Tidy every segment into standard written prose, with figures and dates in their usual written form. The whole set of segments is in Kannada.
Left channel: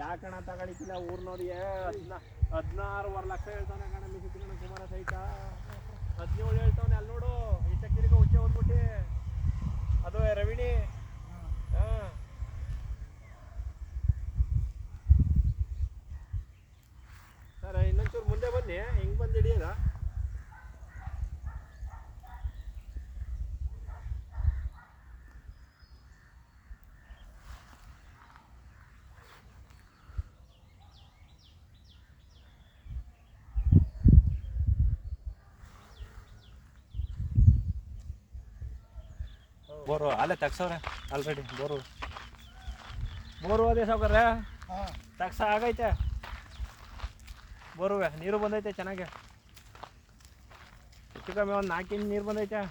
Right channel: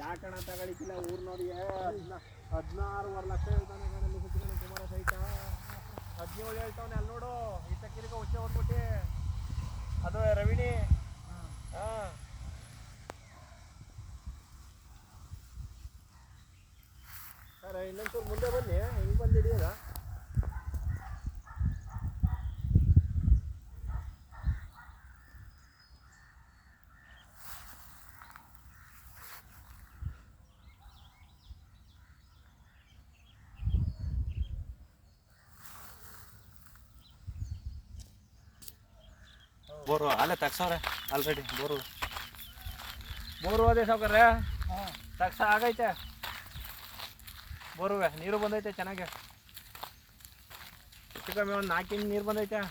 ಯಾಕಣ ತಗೊಳಿತಿಲ್ಲ ಊರ್ನವ್ರಿಗೆ 16.5 ಲಕ್ಷ ಹೇಳ್ತಾನೆ ಕಣಲ್ಲಿ ಸುತ್ತಿನ ಕುಮಾರ ಸಹಿತ 17 ಹೇಳ್ತಾವನೆ ಅಲ್ಲಿ ನೋಡು ಈ ತಕ್ಕಿರಿಗ ಹುಚ್ಚೆ ಹೋಗ್ಬಿಟ್ಟು ಅದು ರವಿಣಿ ಹಾಂ ಸರ್ ಇನ್ನೊಂಚೂರು ಮುಂದೆ ಬನ್ನಿ ಹೆಂಗೆ ಬಂದು ಹಿಡಿಯೋದ ಬೋರು ಅಲ್ಲೇ ತಗ್ಸವ್ರೆ ಆಲ್ರೆಡಿ ಬೋರು ಅದೇ ಸಾವ್ಕಾರ್ರೆ ತಗ್ಸ ಆಗೈತೆ ಬೋರುವೆ ನೀರು ಬಂದೈತೆ ಚೆನ್ನಾಗೆ ಹೆಚ್ಚು ಕಮ್ಮಿ ಒಂದು 4 ಇಂಚ್ ನೀರು ಬಂದೈತೆ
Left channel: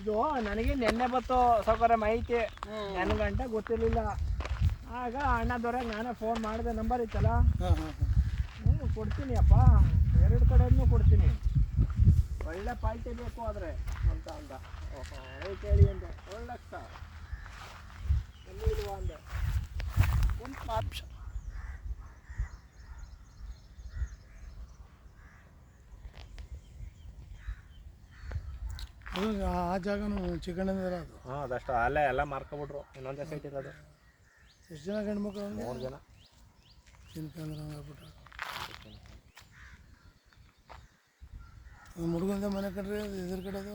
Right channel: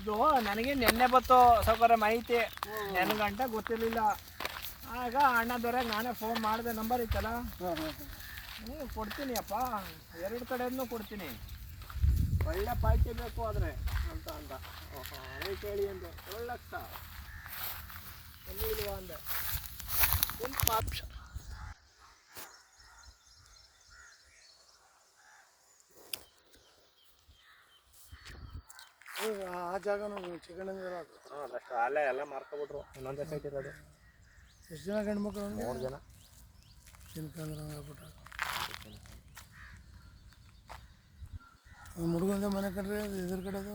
ಇದು ನನಗೆ ನೆನ್ನೆ ಬತ್ತು ಸಾವ್ಕಾರ ಮಾಹಿತಿ ನೆನ್ಗಂಟ ಗೊತ್ತಿರಲಿಲ್ಲ ಆಗ ಅಣ್ಣ ದೊರೆಗೆ ನಾನೇ ಫೋನ್ ಮಾಡಿದೆ ನಂಬರ್ ಇತ್ತಲ್ಲ ಕೊಡ್ತೀನಿ ಅಪ್ಪ 2 ಕಡೆಯೂ ಕೊಡ್ತೀನಿ ಒಳ್ಳೆ ಪಾಯ್ತಿ ಬೇಕು ಆದರೆ ಅಂತ ಅಂದ ಓಹೋ ರೇಟ್ ಹೇಳಿ ಅಂದೆ 7 ಲಕ್ಷ ಎಲ್ಲಿ ಇಲ್ವ ಅಂದೆ ಒಂದು ಮಾತು ಆ ಜಾಗನೂ ಚಿಕನ್ ಇರೋದು ಹಾಂ ಅದಷ್ಟು ಅಲ್ಲೇ ಎಲ್ಲ ಮಾರ್ಕೊಬಿಟ್ರು ಇನ್ನೊಂದೇ ಸೈಟ್ ಇರೋದು ಎಷ್ಟು ಜನ ಗಂಡ್ಮಕ್ಳು 3 ಜನ ತಿನ್ಕಂದ್ರೆ ಹಂಗಾಗ್ಬಿಟ್ಟಾಗ ಹುಡುಗಂದ ಮನೆ ಕಂಡ್ರೆ ಎದುರು ಕಡೆದು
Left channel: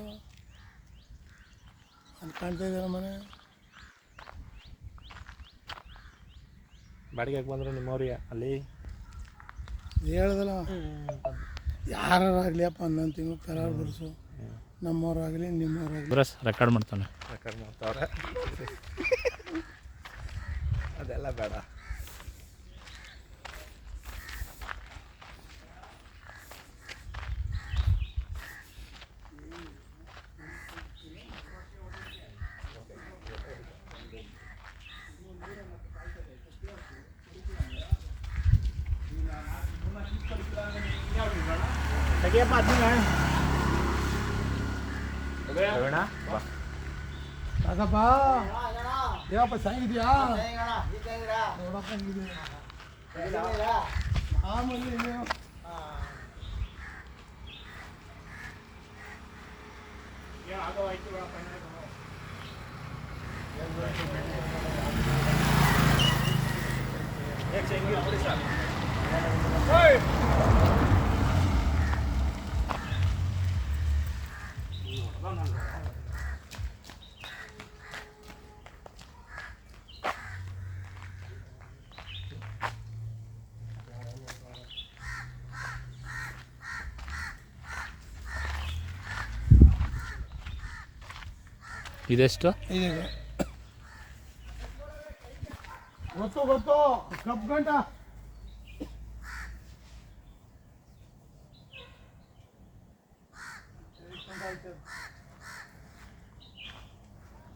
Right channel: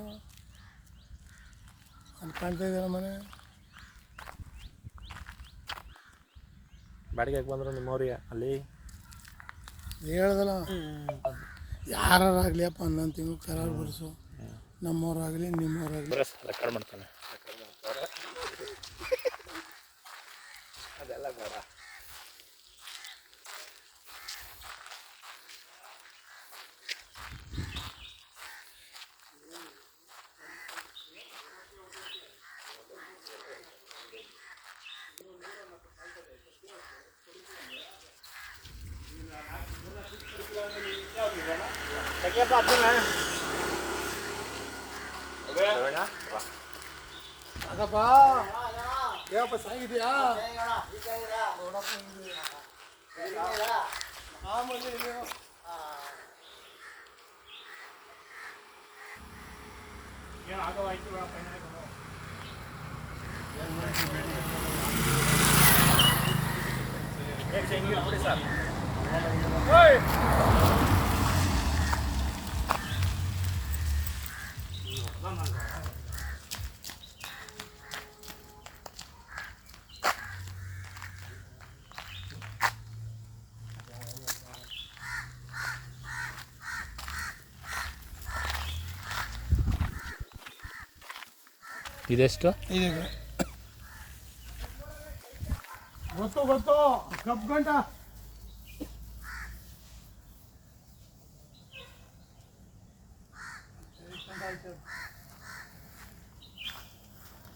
ಅಲ್ಲಿ ಕಾಣ್ತಾ ಇದ್ದಾರ ಮನೆ ಬಾಡಿಗೆಗೆ ಬಂದರು ನಿಮ್ಮವ್ರಿಗೆ ಅಲ್ಲಿ ಹೇಳ್ದಲ್ಲ ಯಾರಾಗಲಿ ಅಪ್ಪ 11 ತಿಂಗಳು ಕರಾರು ಬರ್ಸು ನಮ್ಮವ್ರಾಗಲಿ ನಿಮ್ಮವ್ರಾಗಲಿ ಬರಸ್ ರೆಕಾರ್ಡ್ ಮಾಡ್ತಾವ್ರೆ ಅದೆಲ್ಲ ಬೇಡ ತೆಗಿಯಪ್ಪ ಸಾಕಪ್ಪ ಏನಪ್ಪ ಸಾಗಿದ್ಯಾ ನೋಡಪ್ಪ ಹೆಂಗಿದೆಯಾ ಆಮೇಲೆ ಇನ್ನೇನು ಇದೆಷ್ಟು ಈಗ ಗೊತ್ತು ಕಪ್ ಗಂಟ